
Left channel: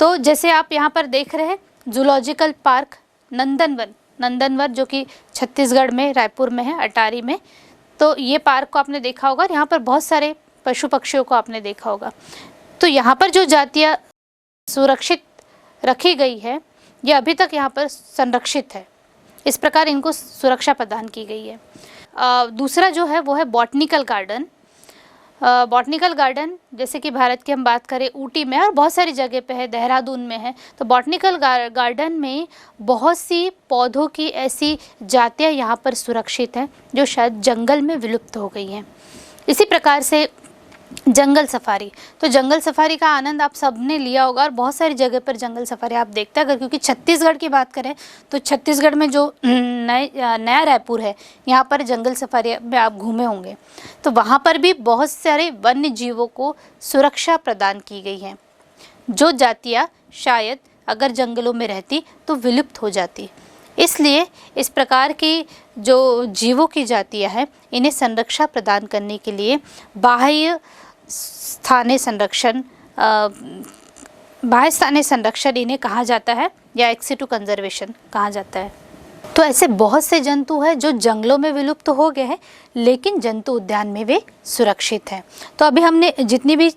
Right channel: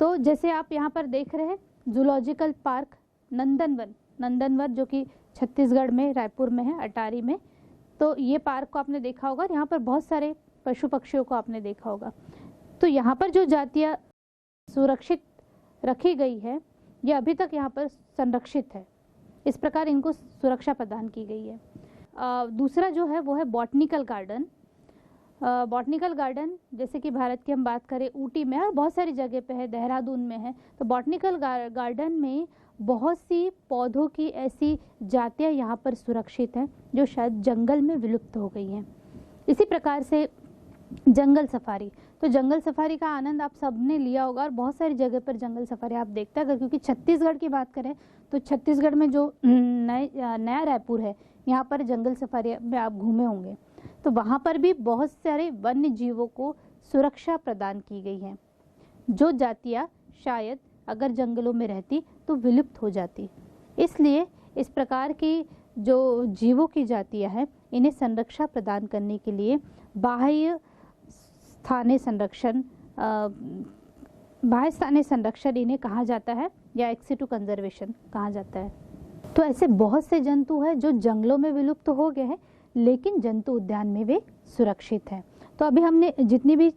तो जैसे आप यहाँ पर देख रहे हैं जूलॉजिकल पार्क नंदनवन जो कि छत्तीसगढ़ में, रायपुर में है, अटारी में। तो ये पार्क को आपने देखा होगा, यहाँ पर बहुत सारे पशु पक्षियों को आपने देखा होगा। तो यहाँ पर जो जातियाँ सुरक्षित रखी गई है, ये अभी तक यहाँ पर संरक्षित है, इस प्रकार इनको सुरक्षा प्रदान की गई है। दूसरा जो है वो है बॉटनिकल गार्डन। बॉटनिकल गार्डन जैसे कि भारत की हम बात करें ऊटी में और बहुत सारी जगह पे है, देहरादून में है, तो बॉटनिकल गार्डन में बहुत सी पौधों की ऐसी जातियाँ यहाँ पर सुरक्षित हैं जो शायद जंगल में विलुप्त हो गई हैं। इसी प्रकार से जंगल सफारी, तो जंगल सफारी का आनंद आप सबने लिया होगा और बहुत सारी जगह पर जंगल सफारी आप देखते हैं। अगर क्योंकि छत्तीसगढ़ की बात करें तो छत्तीसगढ़ में जो नया रायपुर है, यहाँ पर जंगल सफारी में आप घूमे होंगे, तो वहाँ पर भी बहुत सारे वन्य जीवों को सुरक्षा प्रदान की गई है, जो जातियाँ शायद अगर जंगलों में रहती तो विलुप्त हो जाती। इसलिए इस प्रकार की जो जीवों की जातियाँ हैं, इन्हें संरक्षा प्रदान करने के लिए बाह्य स्थानीय संरक्षण इन्हें कहा जाता है या एक्स सिटू कंजर्वेशन कहा जाता है। तो ऐसे बहुत से जंतु हैं जो जंगलों में विलुप्त हो गए हैं, लेकिन जंतु उद्यान में वे सुरक्षित हैं। तो अभी हमने जितनी भी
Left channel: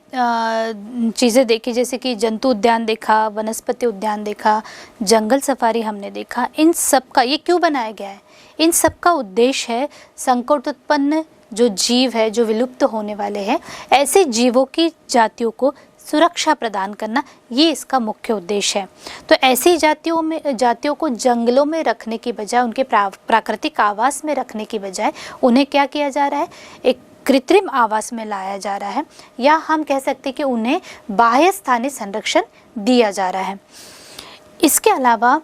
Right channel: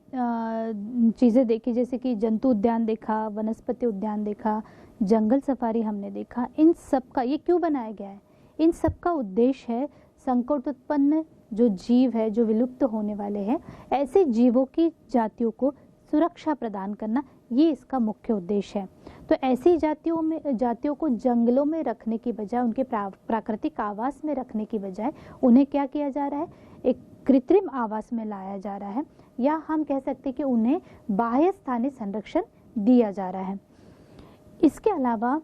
चीज़ें देखी, जैसे कि जंतु उद्यान देखा, वनस्पति उद्यान देखा, जंगल सफारी हमने देखा, इन सब का ये क्यों बनाया गया है? इन सब का उद्देश्य है संकटोत्पन्न जो जीव है, जो विलुप्त होने वाले हैं, ऐसे जीवों की जातियों को सुरक्षा प्रदान करना, ये इसका मुख्य उद्देश्य है। तो ऐसी जातियों को जंगलों में रखने की बजाय, उनके प्राकृतिक आवास में रखने की बजाय उन्हें क्या किया जा रहा है, एक कृत्रिम आवास में लाया जा रहा है, या हम कह सकते हैं कि उन्हें बाह्य स्थानीय संरक्षण दिया जा रहा है। इसके अलावा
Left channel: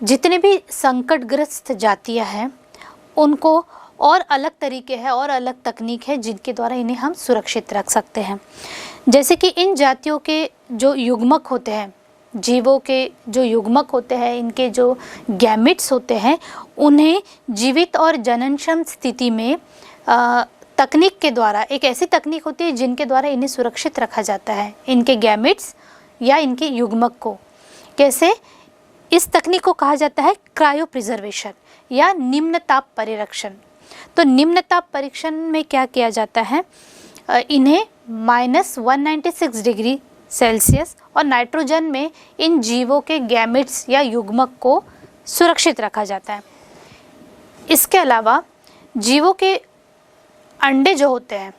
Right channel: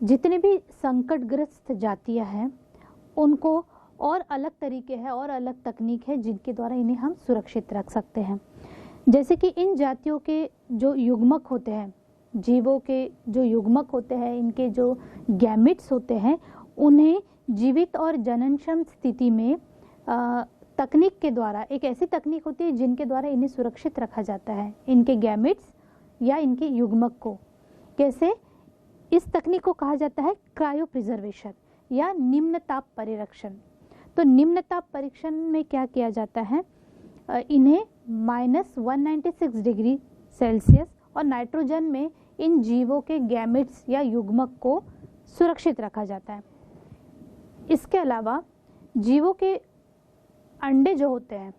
जितने भी संकटग्रस्त जातियाँ हैं, उनको और अलग तरीके हैं और अलग तकनीक है जिनके द्वारा इन्हें हम सुरक्षित रख सकते हैं। जैसे कि इन जातियों के जो युग्मक होते हैं, जीवों के जो युग्मक होते हैं, इनके जो गैमिट्स होते हैं, उन्हें जीवित और जननक्षम स्थिति में तकनीक के द्वारा, एक ऐसी तकनीक होती है जिनके द्वारा इन्हें सुरक्षित रखा जाता है, इनके गैमिट्स या इनके युग्मक को। कैसे? इस तकनीक को कहा जाता है क्रायो प्रिजर्वेशन या निम्न ताप परिरक्षण। तो निम्न ताप परीक्षण में क्या किया जाता है, इन्हें -196 डिग्री सेल्सियस और नाइट्रोजन में इन जीवों के गैमेट्स या युग्मक को सुरक्षित रखा जाता है। इसके अलावा जीवों के अंडे जो होते हैं,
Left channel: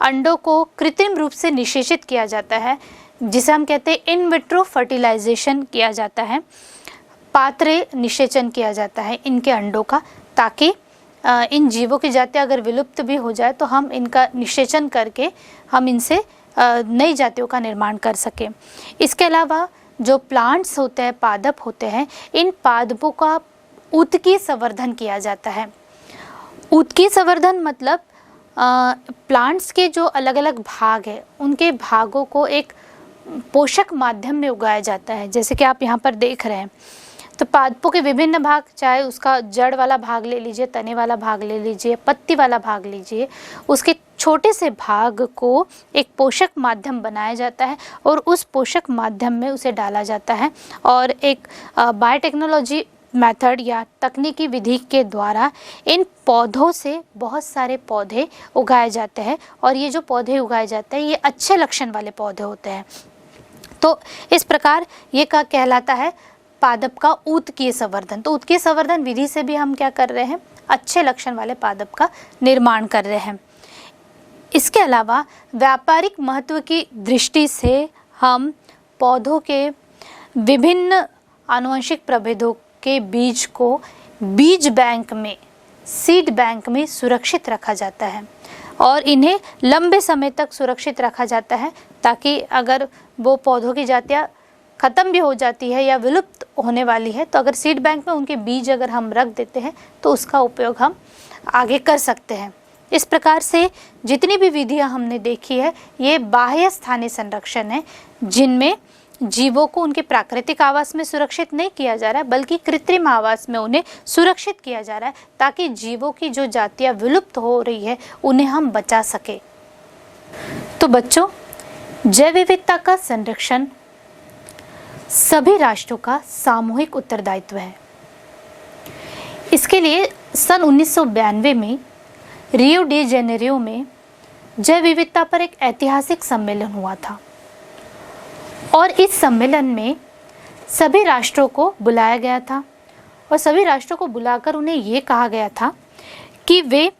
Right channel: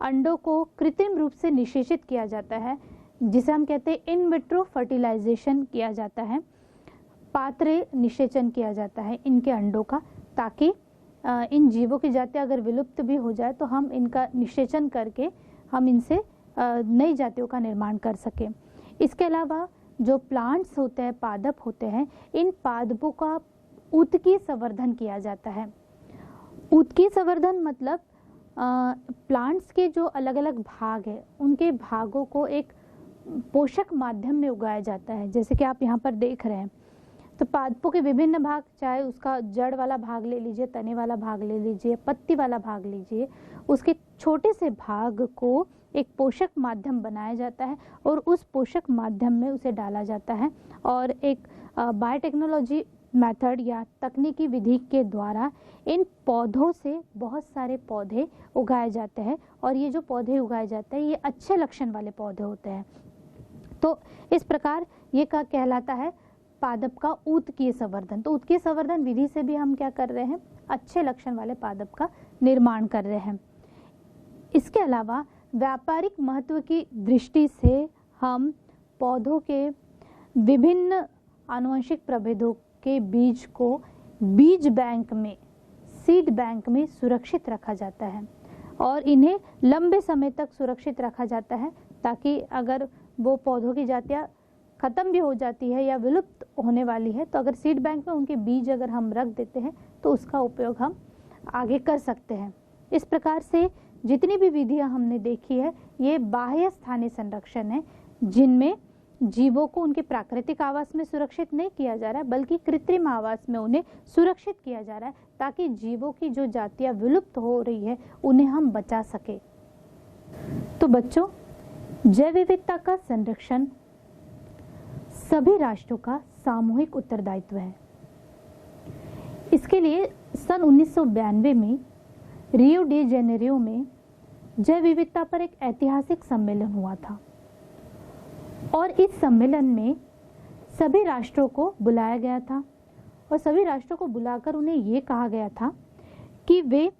अंडों को कृत्रिम रूप से निषेचित किया जाता है, जिसे हम कहते हैं इन विट्रो फर्टिलाइजेशन किया जाता है, पात्रे निषेचन किया जाता है इनके अंडों का, ताकि इन जीवों की जातियाँ अगर विलुप्त भी हो जाए तो हम इनका निषेचन करके हम इनसे नई जातियों का निर्माण कर सकें। इसके अलावा जो प्लांट्स होते हैं, पादप होते हैं, इन पादपों का उत्कीय संवर्धन किया जाता है। उत्कीय संवर्धन मतलब प्लांट्स के जो अलग अलग भाग हैं, उनके भागों को एक पोषक माध्यम में उगाया जाता है। जैसे कि आप यहाँ पर देख रहे हैं, तो पादपों के विभिन्न भाग, चाहे उसका जड़ वाला भाग ले लीजिए, तने वाला भाग ले लीजिए, पत्ती वाला भाग लीजिए, उसके छोटे से भाग को एक पोषक माध्यम बनाया जाता है और उस पोषक माध्यम में उसे डाला जाता है और एक बायोटेक्नोलॉजी मेथड या तकनीकी विधि के द्वारा इन पौधों से बहुत सारे पौधे उगाए जाते हैं और ये जो पौधे उगाए जाते हैं ये अच्छे लक्षण वाले पौधे होते हैं। तो इस प्रकार ये का कहलाता है पादप का उत्कीय संवर्धन। तो उत्कीय संवर्धन विधि से भी हम क्या कर रहे हैं, अच्छे लक्षण वाले पादप का निर्माण कर रहे हैं। इसके अलावा व्यापारिक महत्व की दृष्टि से हम पौधों के विभिन्न आनुवंशिक प्रभेदों के बीज को बीज बैंक में, सीड बैंक में सुरक्षित रखा जाता है और इन्हें लंबे समय तक सुरक्षित रखा जाता है, ताकि अगर वो पौधों की जातियाँ ख़त्म भी हो जाती है या विलुप्त होने वाली है, तो अगर सीड बैंक में उनके बीज अगर हम रख देते हैं तो उसका उपयोग हम आगे कर सकते हैं। इस प्रकार से जितनी भी विधियां हमने देखी है, ये बाह्य स्थानीय संरक्षण है, जिनमें जीवों को उनके प्राकृतिक आवास में सुरक्षित नहीं किया जा रहा है, बल्कि कृत्रिम आवास में उन्हें सुरक्षित किया जा रहा है, ताकि जीवों की जो जातियाँ विलुप्त हो रही है उन्हें हम बचा सके। तो बच्चों, जैव विविधता का संरक्षण सभी राष्ट्रों का सामूहिक उत्तरदायित्व है। इसके लिए सन 1992 में रियो डी जेनेरियो में जैव विविधता पर एक ऐतिहासिक सम्मेलन हुआ था और इस सम्मेलन में सभी राष्ट्रों को बुलाया गया था और सभी राष्ट्रों को बुलाकर उन्हें ये कहा गया था कि वे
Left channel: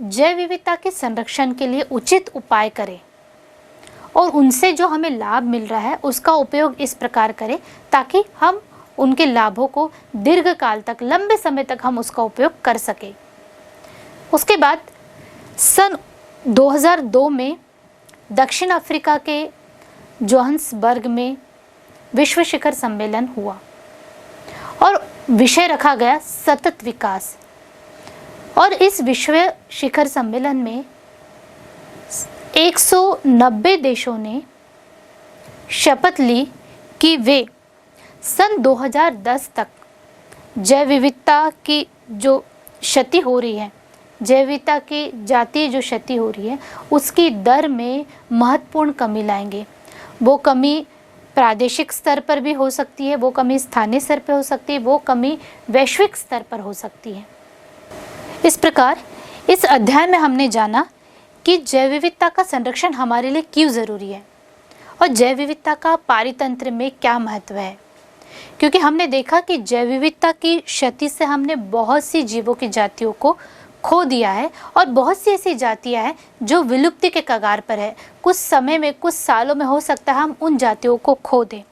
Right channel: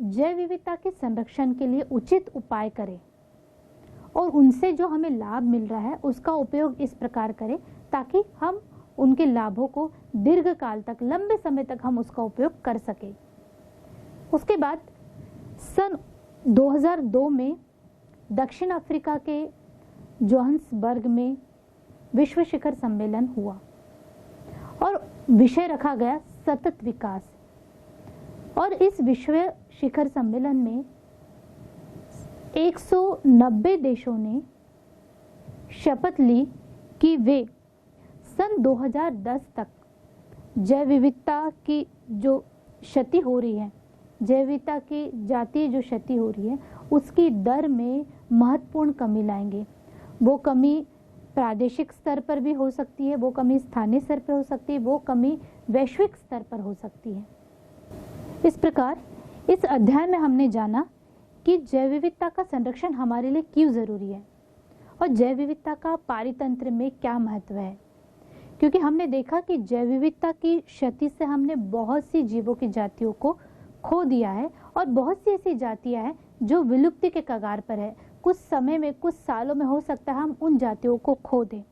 जैव विविधता के संरक्षण के लिए उचित उपाय करें और उनसे जो हमें लाभ मिल रहा है उसका उपयोग इस प्रकार करें ताकि हम उनके लाभों को दीर्घ काल तक, लंबे समय तक हम उसका उपयोग कर सकें। उसके बाद सन 2002 में दक्षिण अफ्रीका के जोहान्सबर्ग में विश्व शिखर सम्मेलन हुआ और विषय रखा गया सतत विकास। और इस विश्व शिखर सम्मेलन में 190 देशों ने शपथ ली कि वे सन 2010 तक जैव विविधता की जो क्षति हो रही है, जैव विविधता की जातीय जो क्षति हो रही है, उसकी दर में महत्वपूर्ण कमी लाएंगे। वो कमी प्रादेशिक स्तर पर भी हो सकती है, वो कमी स्थानीय स्तर पर हो सकती है, वो कमी वैश्विक स्तर पर हो सकती है। इस प्रकार इस अध्याय में हमने जाना कि जैव विविधता का संरक्षण हमारे लिए क्यों ज़रूरी है और जैव विविधता का पारितंत्र में क्या महत्व है। क्योंकि हमने देखा कि जैव विविधता की क्षति से हमने बहुत सी जीवों की जातियों को खो दिया है और बहुत सी ऐसी जातियां हैं जो विलुप्ति के कगार पर है। कुछ समय में, कुछ सालों में हो सकता है हम उन जातियों को खो दें।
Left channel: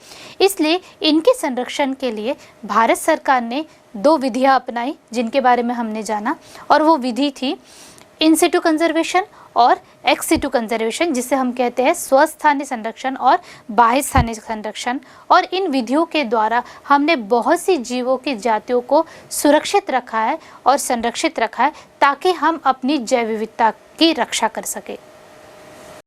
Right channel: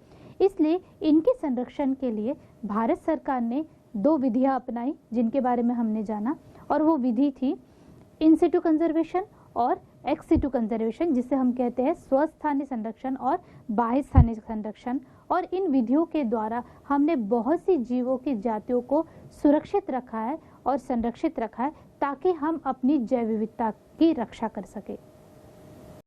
इसलिए इनके संरक्षण के लिए भारत सरकार ने 2 विधियां अपनाई जिनके बारे में हमने जाना, और वो विधि थी इन सिटू कंजर्वेशन और एक्स सिटू कंजर्वेशन, जिसे हम कहते हैं स्वस्थानीय संरक्षण और बाह्य स्थानीय संरक्षण। और इन विधियों के द्वारा हमने बहुत सी जीवों की जातियों को सुरक्षित रखा है और संरक्षित रखा है ताकि हम अपनी जैव विविधता की रक्षा कर सकें।